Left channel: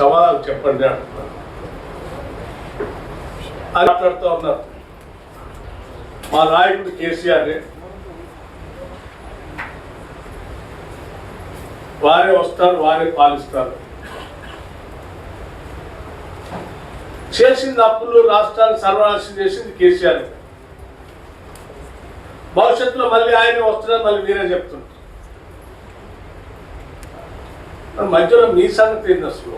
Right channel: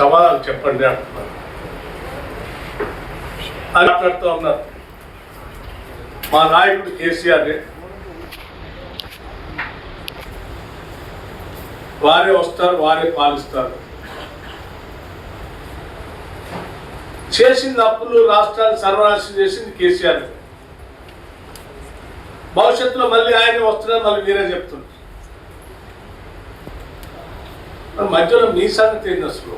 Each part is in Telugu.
సమాధానం చెప్పండి అంటున్నారు. అని మాట్లాడుతూ ఉన్నారు. మా నాయకుడు కేసీఆర్ వారే వస్తారు, వారే పాలిస్తారు. చేసింది అప్పులు రాష్ట్రాన్ని సర్వనాశనం చేసింది కేసీఆర్. భవిష్యత్తులో మళ్ళీ ఆయనే వస్తున్నారు, మళ్ళీ మీరే చెప్తున్నారు. మధ్యలో మీ సంగతి ఏంది అసలు?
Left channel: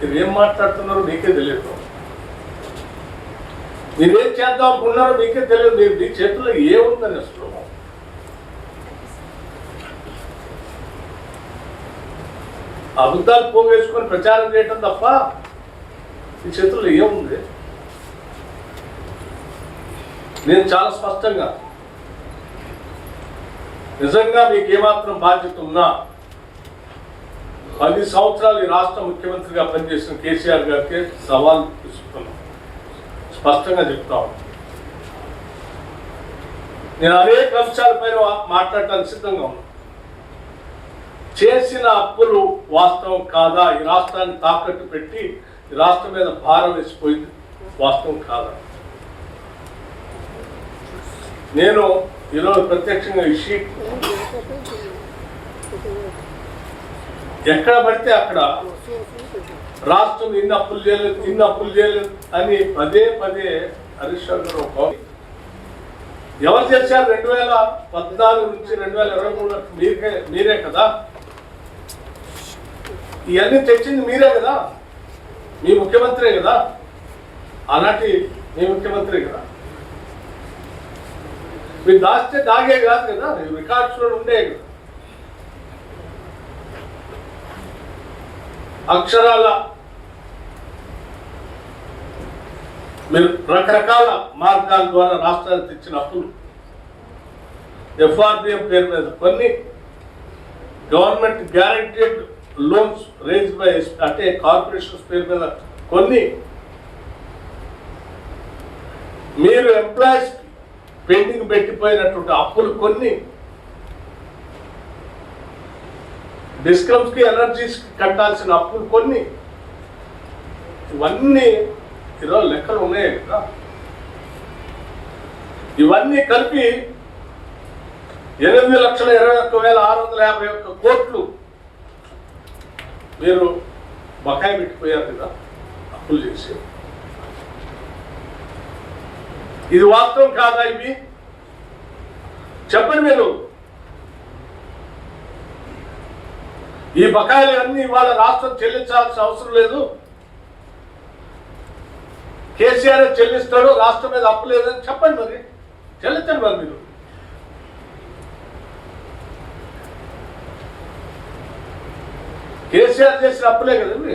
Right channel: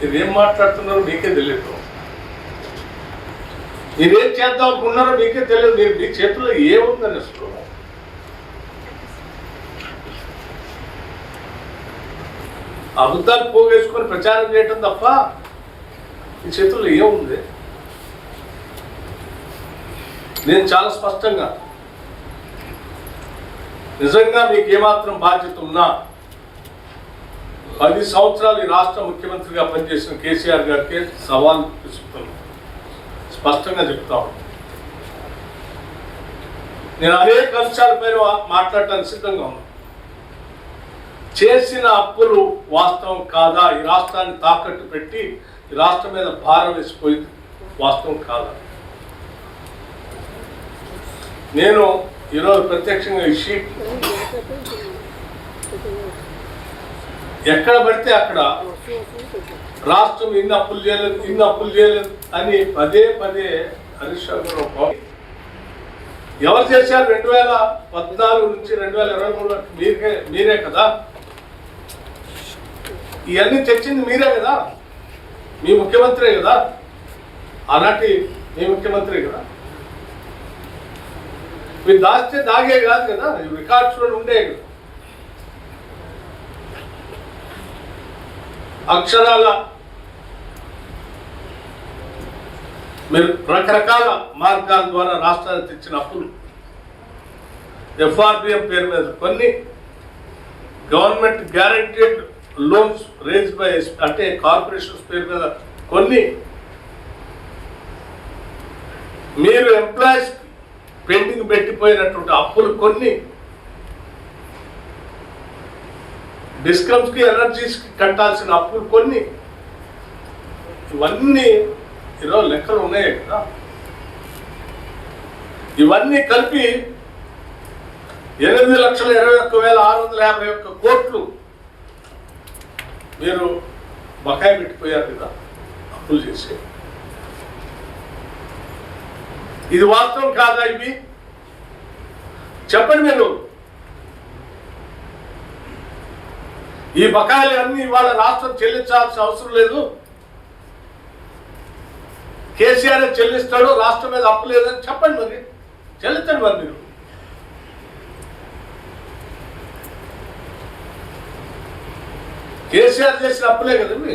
మీరేం మాట్లాడుతున్నారో మీకే తెలియదు. మీరేం చేద్దాం అనుకున్నారో మీకే తెలియదు. మీ చేతుల్లో ఏముందని అసలు? అబద్ధాలు పోగేసుకొని ప్రచారం చేయటం తప్ప మీ చేతుల్లో ఏముంది? నేను చాలా స్పష్టంగా, నిజంగా మీకు ఏమాత్రం బాధ్యత ఉన్నా 10 సంవత్సరాలు ఈ రాష్ట్ర ముఖ్యమంత్రిగా పనిచేసిన కేసీఆర్ గారికి సవాల్ విసురుతున్నాను. స్పష్టంగా చెప్తాను. నేను అనేక అంశాలపైన మాట్లాడటానికి సిద్ధంగా ఉన్నాను. చేసిన అప్పులు వాస్తవం కాదా? ఈ రాష్ట్రాన్ని తాకట్టు పెట్టి ఈ రాష్ట్రం మీద భారం వేసిపోయింది వాస్తవం కాదా? నేను ఈరోజు ప్రత్యక్షంగా ఈ షీట్ ఎక్కడ పడితే అక్కడ రాష్ట్రం ఇన్ని అప్పులు చేయలేదు అని పదే హరీష్ రావు గారు ఎవరు చేశారు? 2014 నుంచి 2023 మీరే కదా. ఇవన్నీ తెచ్చింది మీరే కదా, మీ ముఖ్యమంత్రే కదా, ఆనాటి మీ ముఖ్యమంత్రి కదా. మీరు దాస్తే దాగే కాదు కదా, రికార్డ్స్ లో ఉండే కదా. అక్షరాల మీరు రకరకాల మార్గాల ద్వారా రాష్ట్రానికి తెచ్చిన అప్పులు, ఎఫ్ఆర్డిఎం పేరు మీద కొన్ని, government guaranteed loans raise by అంటే కార్పొరేషన్స్ పేరు మీద కొన్ని, మీరు ఎంప్లాయీస్ పెండింగ్ పెట్టిపోయినటువంటి అప్పులు కొన్ని, డిస్కమ్స్ కి ఎనర్జీస్ కి కట్టాల్సిన అప్పులు కొన్ని, ఇవన్నీ ఈరోజు లెక్కలు ఉన్నాయి కదా. ఇవన్నీ కలిపి 8,21,651 కోట్లు మీరు బకాయి పెట్టిపోయారు కదా అప్పులు చేసి. ఇది వాస్తవం కాదా? ఇవి చెప్పండి. మీరు ఈ బకాయిలు అన్ని ఇవాళ రాష్ట్రం చెల్లించాల్సిన అవసరం లేదు, కేసీఆర్ చెల్లిస్తాడు, రాష్ట్రం మీద అప్పు లేదని చెప్పండి. మరి చెల్లించండి. మరి మీరు కేసీఆర్ చేసిన అప్పులే కదండి.